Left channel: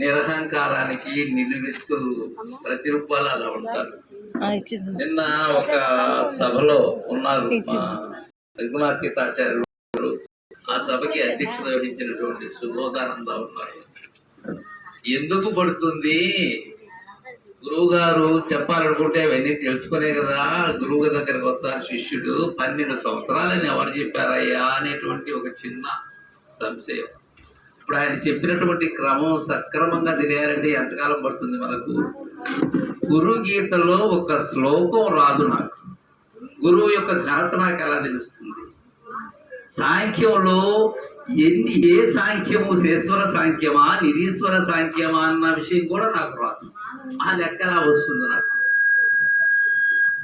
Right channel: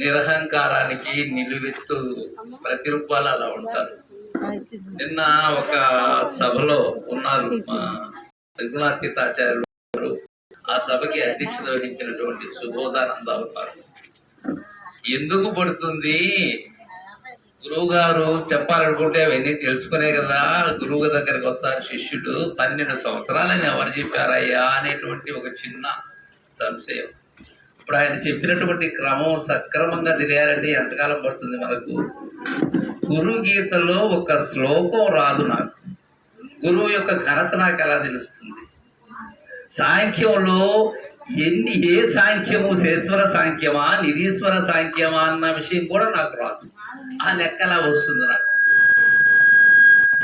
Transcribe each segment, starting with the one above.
నిరహంకారానికి నిలువెత్తు ప్రతిరూపాలు అలా ఉంటారు. నిన్న ఒక సభలో ఉన్నారు మా రఘునాథాచార్యులు, ఆ సభకి అధ్యక్షత వహించినటువంటి సుబోధానంద ఉన్నారు. ఎందుకు పడుతుంది గురువు గారు చెప్పాలనుకుంటే అవన్నీ తెలుసుకునే కదా గురువు దగ్గరికి వస్తారు శిష్యుడు. 12 సంవత్సరాలని ఎవరు చెప్పారయ్యా అనేటువంటి ఒక చిన్న సంశయం. ఇప్పుడు ఆయన చెప్పినటువంటి క్రమం సక్రమంగా తెలియాలంటే ఎంతకాలం పడుతుంది మనకు? గురు గీతలో ఒక శ్లోకం రాదు నాకు, గురువు యొక్క ఘనత నాకు ఎలా తెలుస్తుంది? సాంఖ్యంలో ఏ సాంఖ్యము శేశ్వర సాంఖ్యమా నిరీశ్వర సాంఖ్యమా అన్న విషయం కూడా నాకు రాదు. ఆ లెక్క ఎలా వస్తుంది నాకు?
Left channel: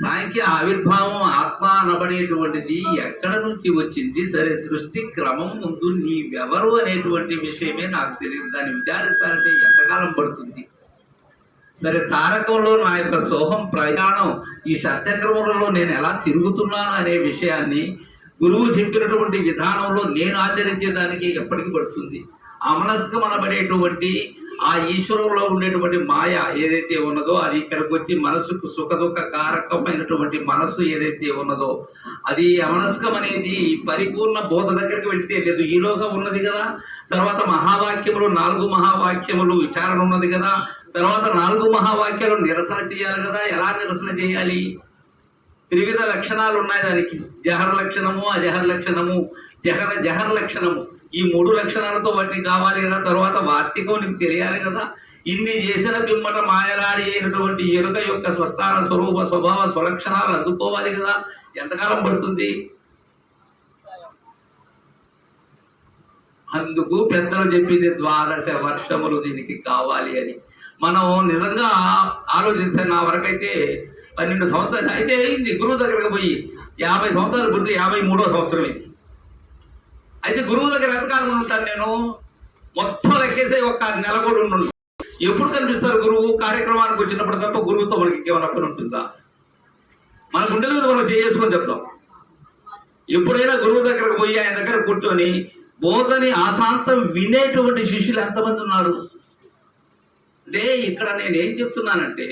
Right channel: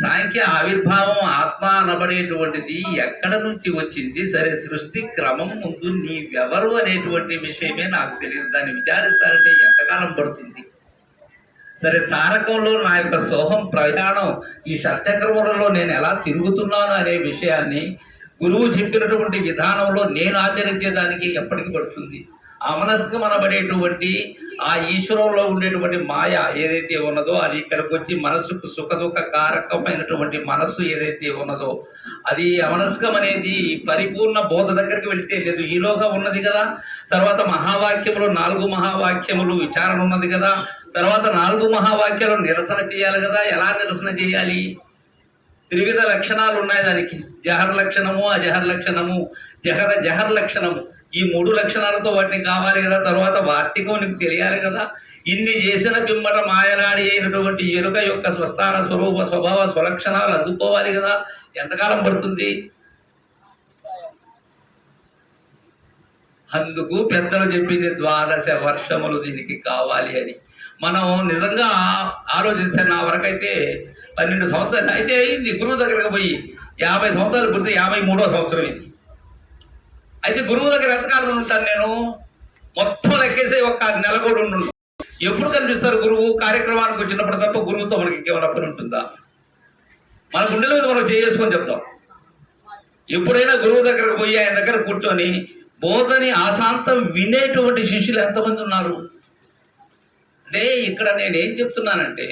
సాంఖ్య ఆవిర్భావం ఆత్మ అనబడేటువంటిది ఎక్కడ నుంచి వచ్చింది? సరే, సృష్టి క్రమం ముందు నీవెవరు అనేటువంటి విషయమే నాకు తెలియదు. దాన్ని విచారించాలంటే ఎంతకాలం పడుతుంది? సరే, తారకంలో నా యొక్క సోహం ప్రయాణం ఈ సత్యక్రమంలో నేను ఎలా తిరుగుతున్నాను అనే విషయాన్ని గురువు చెప్పినటువంటి విధానంలో నేను ఆచరించేదానికి ఎప్పటికి పడుతుంది? అమనస్కం అనబడేటువంటి ఆ ఈశ్వరంలో ఉండేటువంటి మాయ ఏదైతే ఉన్నదో అది ఇక్కడికి వచ్చి మనసుకు సుఖదుఖ కారకమైనటువంటి మనస్సు ఏదైతే ఉన్నదో అది అమనస్కం అనేది పరిపూర్ణ బోధ దగ్గరికి వెళ్తే లేదు. ఈలోగా ఉన్నది కదా. తర్వాత మహావాక్యములు 4 మహావాక్యములు విచారణ ఉన్నది కదా. తర్వాత 4 మహావాక్యాలు నిరసన చేయాలి కదా. ఎలా నిరసన చేయాలి? త్రివిధ లక్షణాలు ఉన్నాయి దానికి. జహర్ లక్షణము, అజహర్ లక్షణము, జహర్ లక్షణము. ఈ 3 లక్షణాలతో వాటిని కావాలి కదా. తర్వాత వార్తికం నీకు తెలియాలి కదా. ఇన్ని చేసిన పిమ్మట మాయలాడి అయినటువంటి ఎరుక యొక్క స్వస్థాన స్వరూప స్వభావ స్వలక్షణాలు అందుకోవాలి కదా. ఎంతకాలం పడుతుంది? అందుకు పెద్దలు చెప్పింది 12 వర్షములు దీనికి కావాలి అని. మనం నిజంగా ఆలోచిస్తే నా వరకైతే 12 సంవత్సరాలు అయితే అయింది గురువు దగ్గరకు పోయి. 50 సంవత్సరాలు పుడితే 53వ సంవత్సరం ఇది. అయితే గురువు దగ్గర ఎంతకాలం ఉంటాను నేను? మొత్తం లెక్కేసే ఒక నెల కూడా ఉండు. ఎప్పుడు కనిపిస్తారు గురువు? కార్యక్రమానికి వచ్చినప్పుడు తప్ప గురువుతో మనకి ఇంకేమైనా పని ఉంటుందా? మన గుండెల మీద మనం చేసుకొని చెప్తాం. ఎప్పుడైనా గురువు దగ్గరకు పోయి ఆయన దగ్గర కూర్చొని బోధని ఆశాంతం వినేటువంటి శిష్యులు ఎంతమంది ఉన్నారు? అంటే ఇక్కడ నేనేం చెప్తున్నానంటే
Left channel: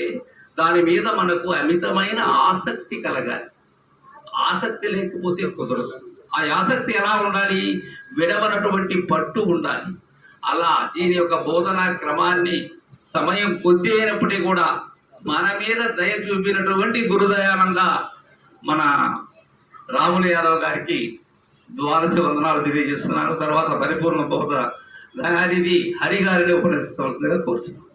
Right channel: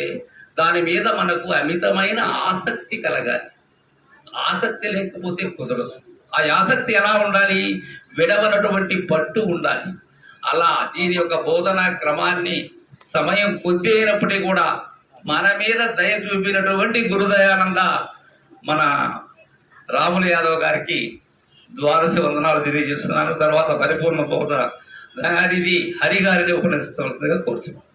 దాని మీద మనకు అమితమైన ఆసక్తి కలగాలి. ఆసక్తి లేకపోతే కుదరదు. ఆ ఆసక్తి ఎలా ఉండాలి? విడవనటువంటి పట్టు ఉండాలి. అలా దీని యొక్క బోధనా క్రమాన్ని సమయం కొద్ది అయినప్పటికీ కూడా మన మీద దయ చూపినటువంటి గురుదయానంద మన రాములు యాదవ్ గారికి 12 వందనాలు తెలియజేస్తున్నాను. తర్వాత పరిపూర్ణ బోధ దయానిధి హరి గారిని ఉపన్యసించవలసిందిగా కోరుతున్నాను.